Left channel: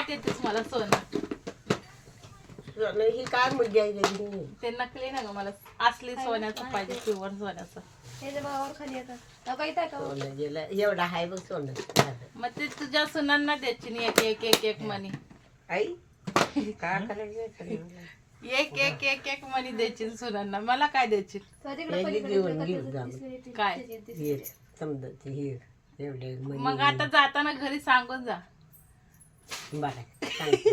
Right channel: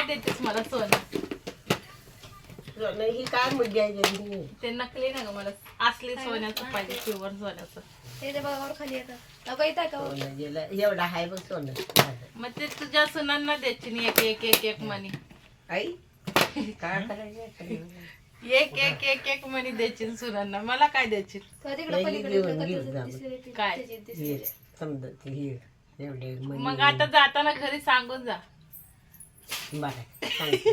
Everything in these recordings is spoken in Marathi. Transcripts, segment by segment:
काय देतेस मला सोनं? सोनं ही काय मुद्दे आहे? ते नकली ना ग मला असले सोन्याचं पाहिजे प्युअर सोन्याचं. हे जे बघावर खाली येतं. नको इथं का सोनं गेलं. एवढं आहे बघ सोनं. मग ते तुझ्या सुनांना द्यायची नाही एक एक एक एक मनी. आई काय करायचं? एक एक एक एक मनी द्यायची सुनांना. मला काय द्यायची तो तिकडे हे पलीकडे घेऊन इकडे घेऊन कथेचं जा. दिसलेली ती- काय? त्याची समजा ते एवढे मग आता जाताना घरी सांगून जा. बरं सांगते.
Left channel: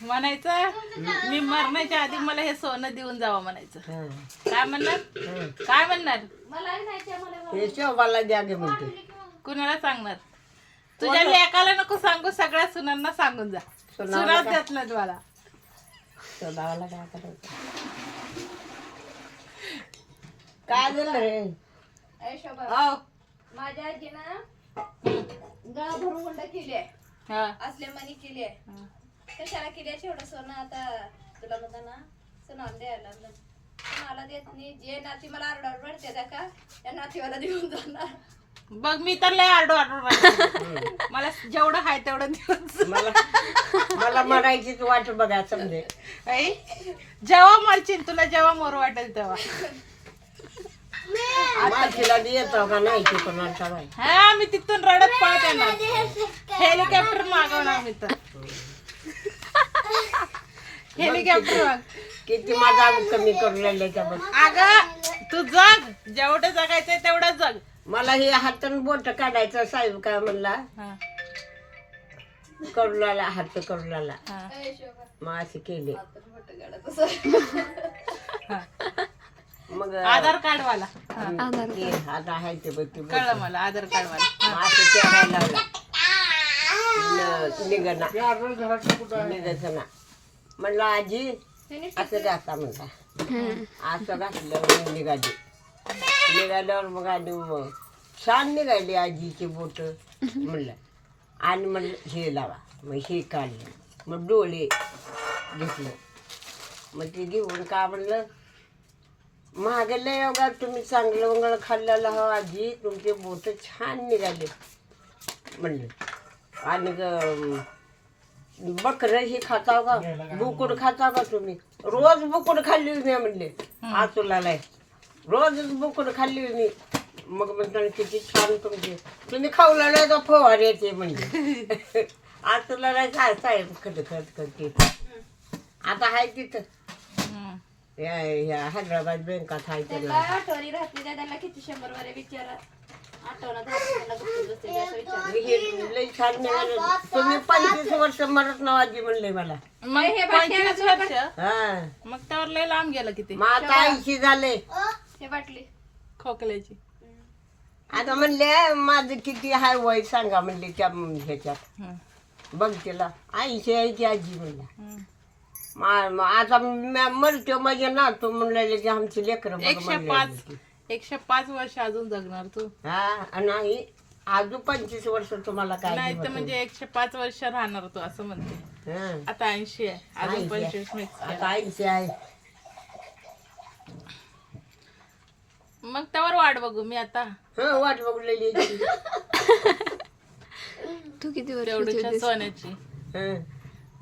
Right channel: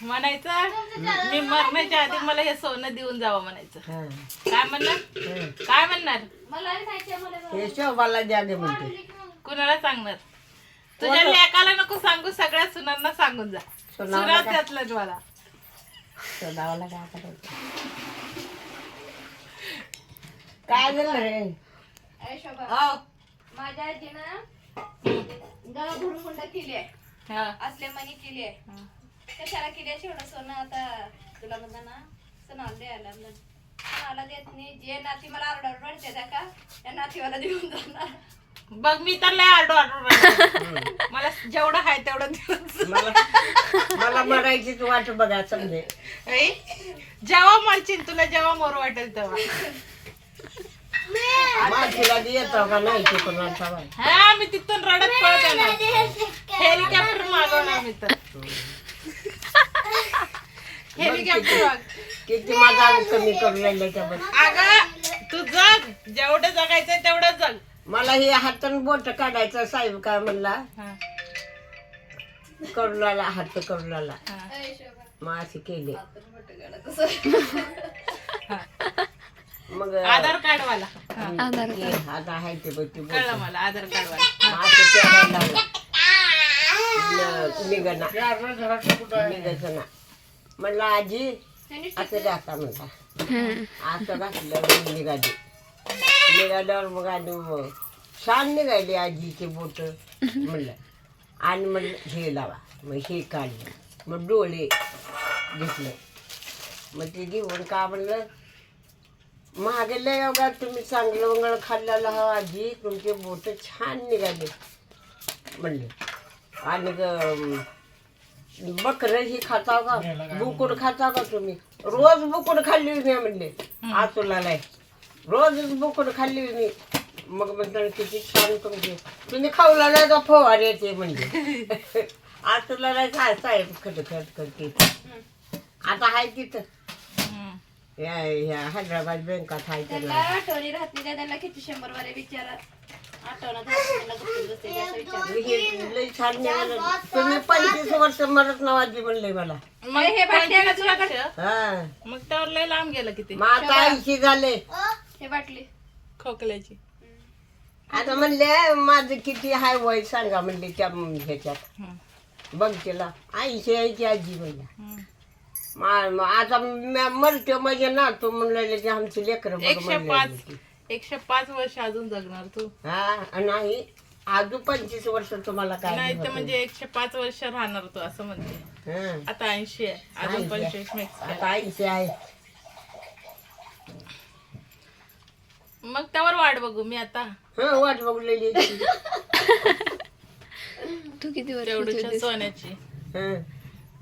म्हणायचं मी मरण्याच्या आधी मला हे सोनं देऊन जावं म्हणायचं. हां. काय म्हणणार? हां. काय म्हणणार? मला नाही माहिती आहे, मला हे शोभाला द्या गे म्हणते. कुणाला सांगणार? तुझ्या लेकाला नको सांगू सगळ्या सुनांना सांगून जा. सोनावला सुना त्यातलंच मला. शोधावाला काय करायचं काय झालं रे? हो. माझ्या आजीनं गाव भरून हुंडा केली आहे. हा. असले मनी केली आहे. हा. कशाला केली आहे? एवढं सोनं आता तुला म्हणता ना सणाला द्यायला लागलं. सणाला देत नाही. जे नाती मला आरडावर वाढते त्या का? त्या नातीवाला देऊन जाणार. बघ मी तर लय आरडू आरडू मला जेवढं आहे तेवढं देऊन मला मला मरायचीच वाट बघा समजे. आई, जेव्हा मरशील तुला जेव्हा मोर वाटेल तेव्हा. माझीला येतो का नाही ते कोणाचा बाई. हा मी तिथून रडत पळत येणार. हेलिकॉप्टर मागवणार मी तर. हेलिकॉप्टर माग किती माझा कमी करून राहिले त्या बघ अगं तू जग. जेवढं जगायचंय तेवढं जग. मला हे हातून बोट काढायचं साहेब काय म्हणला? हा, करुणाला हात हा, अरे शोभा मग असे केले. मग आधार कार्ड वाला आता आहे ते बघ ते बोट कळलं मला आधार कार्ड वाला. मग असं तेरायला लागला. न- निघना. निघायचं ना. म्हणलं आजी असं जाता म्हणला. असं घातल्यावर निघाली. निघाल्यावर मग आणि मग छान निघाली आजीचे बोट. म्हणलं आणि म्हणलं हे लावा. मग हे काढलं. मग डोळे घेतलं. मग ते घेऊन का म्हणलं महागले बघा तुम्ही चांगलं वंगळ खाल्लेलं हा आजी. तुमचे बोट छान निघाले. म्हणलं. आणि बकरं ही खाता का? बुकुड खाता का तुम्ही? रोज बुकुड खाल्ली मी म्हणले. आतुलाला रोजच बुकुड खाल्ली मी. मग म्हणताना किती छान तुमचे. तुम्ही खाऊला का फवार येते म्हणजे आतुलाला काय साहेब खट खट करते आता आहे तिथं. हैदराबाद बँकात आहे त्यांना त्याला आठवणी राहत नाही त्यांना किती शंभर वारे विचारा आठवणा त्यांना गुपचूप बसते की असं विचार मी हे लई छान निघालं. तुम्ही पंचवीस वर्ष मरत नावाजी म्हणले मला. मग हे हा. त्यावर लय लांब गेलं किती? मग आता ऐंशी झाले. हे बाटली खोकल्याची. आता म्हणले माझं किती हाय वय सांगा म्हणले त्या ह्याच्यात. बघ तिला ऐंशी ऐंशी आजी म्हणला. मा- मा- आता म्या मरतो म्हणजे ना तू म्हणलेले की आमची लेकर बघ एकशे म्हणले पाच एकशे पाच वर्ष अजून जगणार तू हा नाही अजून पंचवीस वर्ष तुम्हाला काय नाही तर? म्हणजे एकशे पाच वर्ष राहणार तू असं म्हणते हा. आता ऐंशी आहे अजून 80 आहे. पंचवीस मिक्स आहे. आता ऐंशी आहे मग त्यावर वाट बघू मी आता हा वाट बघलेली आहे ती. किती वर्ष तेवढ्याच्या सोन्याची हा.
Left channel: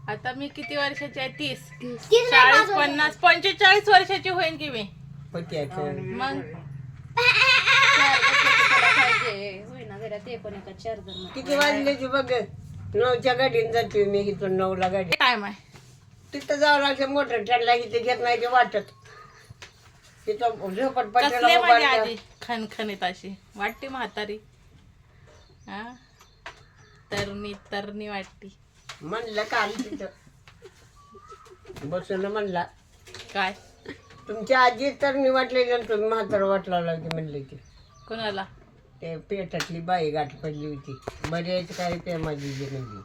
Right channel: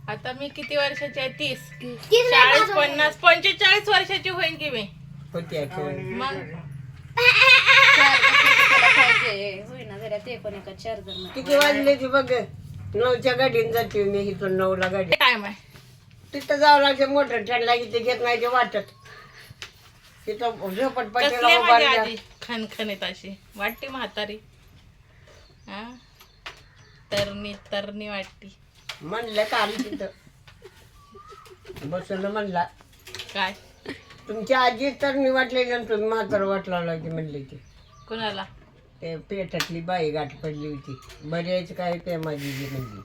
आता मी किती वर्षाची आहे? तीस. चाळीस पन्नास पंचेचाळीस वर्षाची होईन की मी? होती. मग? चार वर्षाचं त्याला पाहिजे होईना जरा ते पण एका चार जण किती बघ. नऊच्या गाडीने जाते मी इथून नऊला गाडी. टाइम आहे तिथं जावं लागते इथे घेत नाही ते वाटत. तिथं कसली माझी खणखणीत अशी. वाटते म्हातारी. हा? तरणी तरणी वाटती. म्हणलं काल तिथं बसून म्हणला काय? तुमची आजी तर मी वाटलेली आणि तुम्ही म्हातार वाटला लागली म्हणले ते. कोणाला? ते पेटातली बाई गाठ पडली होती. बऱ्याच काय ते माझी जी म्हणली.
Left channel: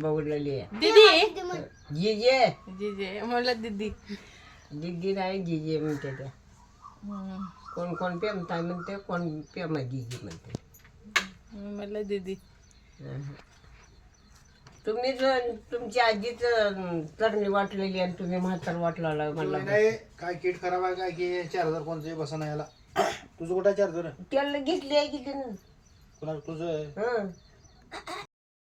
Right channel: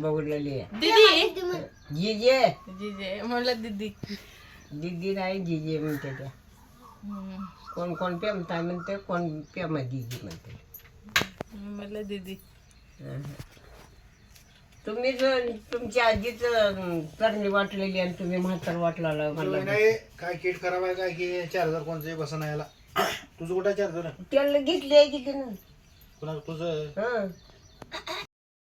बघलेली आहे. दीदी? जिजे? जीजे म्हणलं दीदी. दिदी नाही जिजे म्हणते त्या. कोण कोण पेमताय म्हणते कोण पेमा जिजी म्हणते. म्हणलं दीदी. तुम्ही जर तुमची आजीच तरणी वाटलेली आणि तुम्ही म्हातार वाटला मला नाही काय किट खराब आहे काय की चार्जर कोणते बसा नाही याला. तुझं कुठं चार्जर? त्याला घेतली आहे की तिनं तुझं? हं.